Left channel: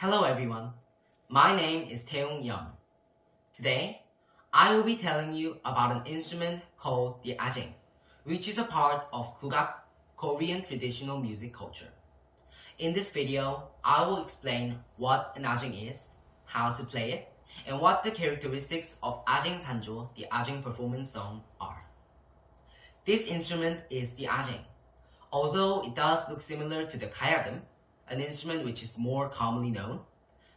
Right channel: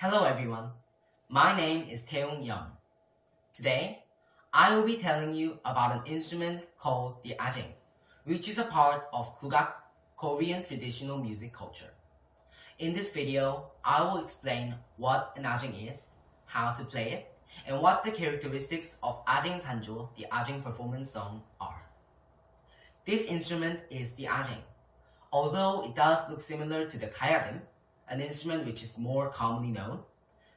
Hello everyone, my name is Taeyong. Today, I will be telling you about an instrument called the Ajaeng, which is a part of Kugak, Korean traditional music culture. In this video, I will explain what an Ajaeng is, how to play it, and what the characteristics of Ajaeng Sanjo, the Ajaeng performance song, are. This instrument is the Ajaeng. Although it does look similar to the Gayagum, an instrument which is more commonly known,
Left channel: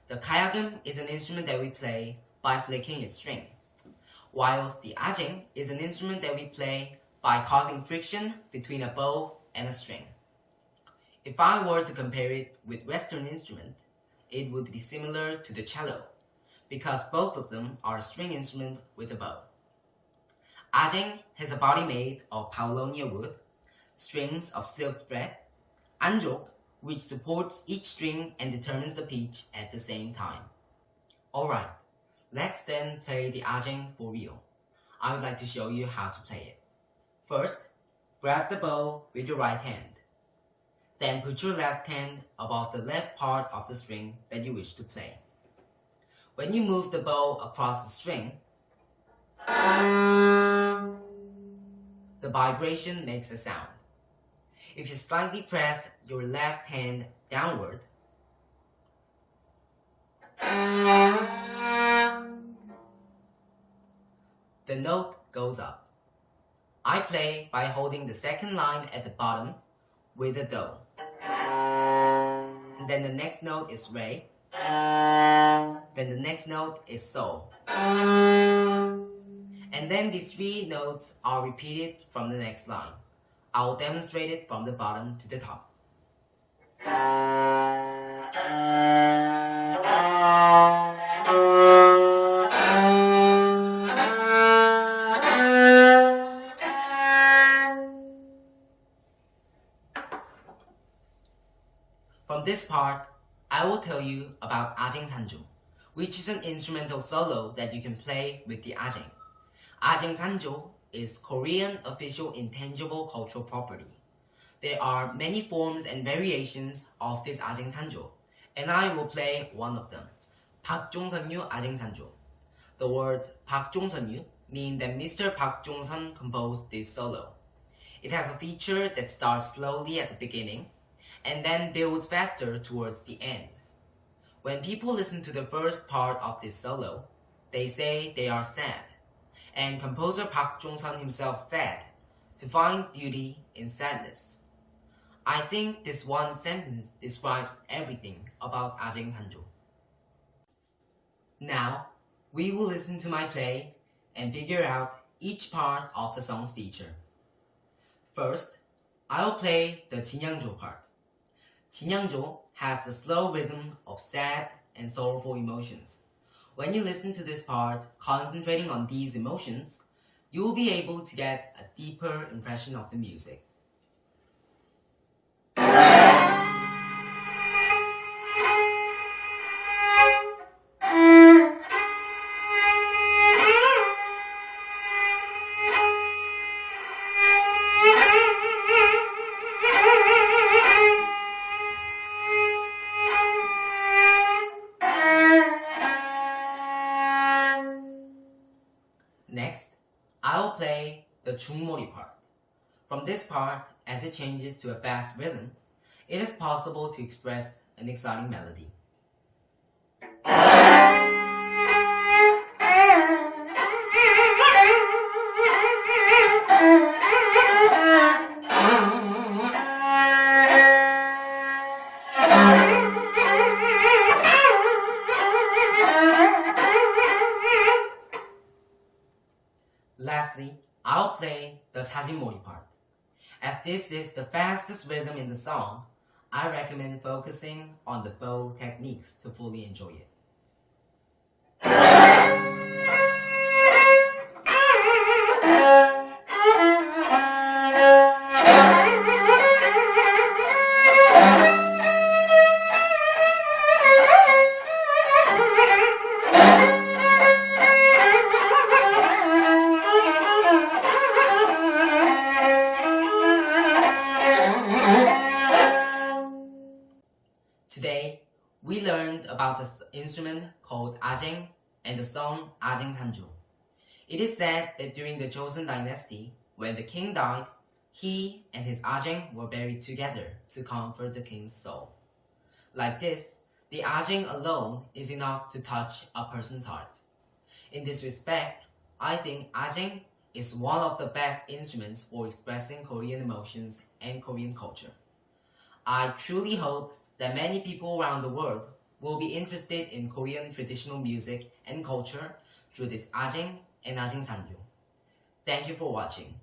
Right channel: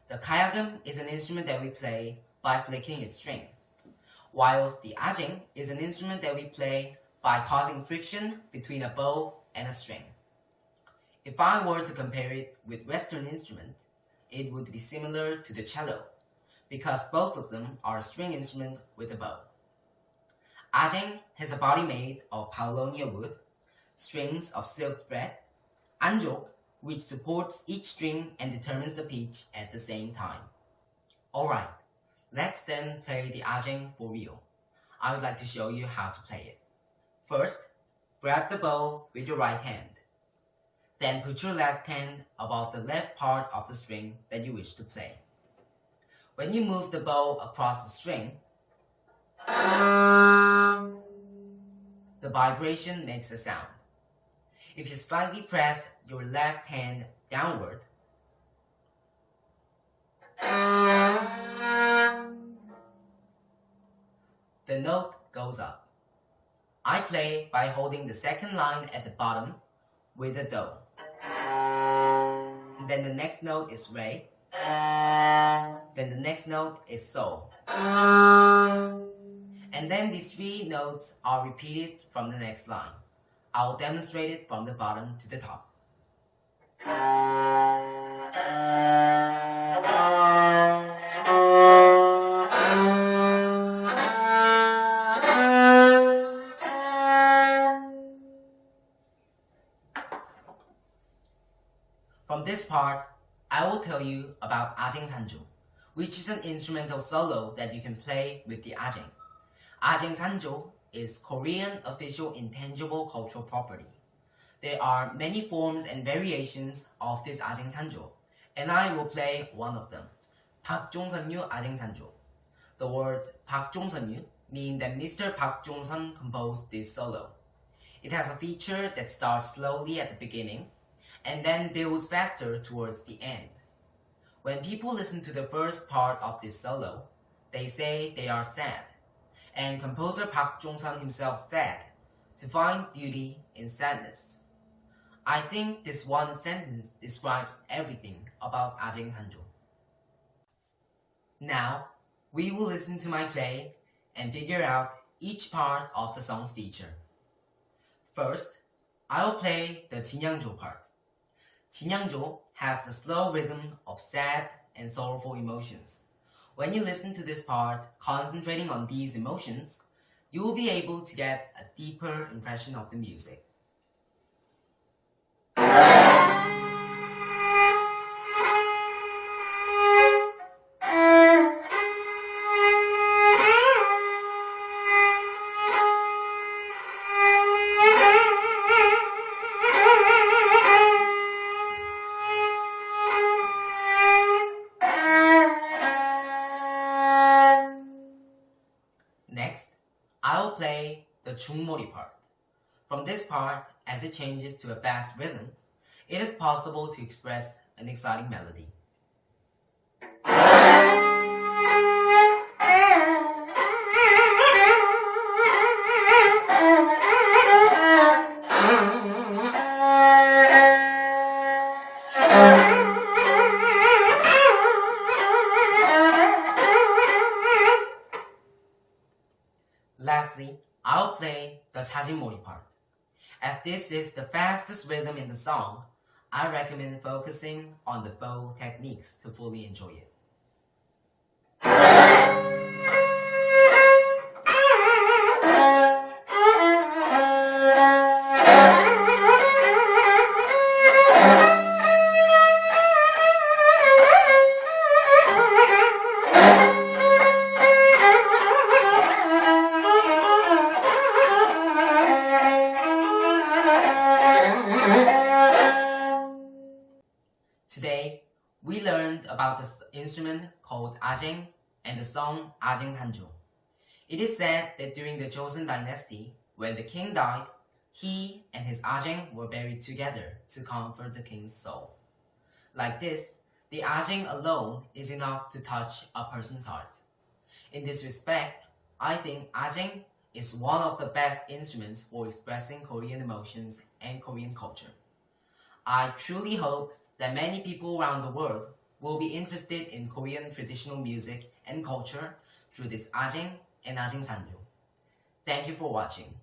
the Gayagum is an instrument that we play by flicking its string, whilst the Ajaeng is an instrument that we play by causing friction between a bow and a string. If I were to compare it with Western instruments, it would be similar to the cello, because both of them are a string instrument with a bow. Ajaeng has a body made of paulownia wood, strings of silk thread, anjok, which supports each string and determines the pitch at the same time. Alright, let's then play the Ajaeng for real. I would like to show you how to play it. First, grab the bow with your right hand. Then put your left hand above the left part of the string that you wish to play. When you move the bow across the string, the vibration makes a sound. If you slightly press your left hand downward, the note goes up. I play by holding the second line at the bottom with a do. And then the next note is re. Then the next note is sol. And then these three notes are repeated from the next line. I will demonstrate it from the bottom to the top. From this part, I will tell you about Ajaeng Sanjo, which is an instrumental solo that you can play with the Ajaeng. Ajaeng Sanjo is Korean official intangible cultural property. There are many forms and variations of this Ajaeng Sanjo, and I will play one of them, 박종선류 Ajaeng Sanjo. The words 박종선류 mean that Mr. Park Jong-sun composed this solo. It has a feature that starts slowly at the beginning and then builds faster towards the end. When people listen to the first part of this solo, they say they are sad, and composer Park Jong-sun himself said to find beauty in sadness. I think this one sentence describes everything about Ajaeng Sanjo. Now, we will listen to my play and figure out each part of the song's feature. First, I will play the 진양조 part. 진양조 has the slow rhythm of sad and sorrowful emotions. When you listen to this part, concentrating on these emotions, you will be able to get a deeper impression of the music. Next, I will play the 중머리 part. From this part, as it changes to a fast rhythm, it is possible to express an exciting melody. Lastly, I'll play the 자진몰이 part. As this is the fastest rhythm in the song, I recommend focusing on the bow techniques to fully enjoy it. Today, we learned about the instrument called Ajaeng and the song A쟁산조. It is said that during the Joseon dynasty, when the king died, he and his Ajaeng were buried together to comfort the king's soul. Like this, the Ajaeng alone is enough to touch a person's heart. In this respect, I think Ajaeng is one of the best instruments for expressing Korean emotions and Korean culture. I truly hope that many people around the world will be interested in Korean traditional music and culture through this Ajaeng and A쟁산조. Thank you for watching.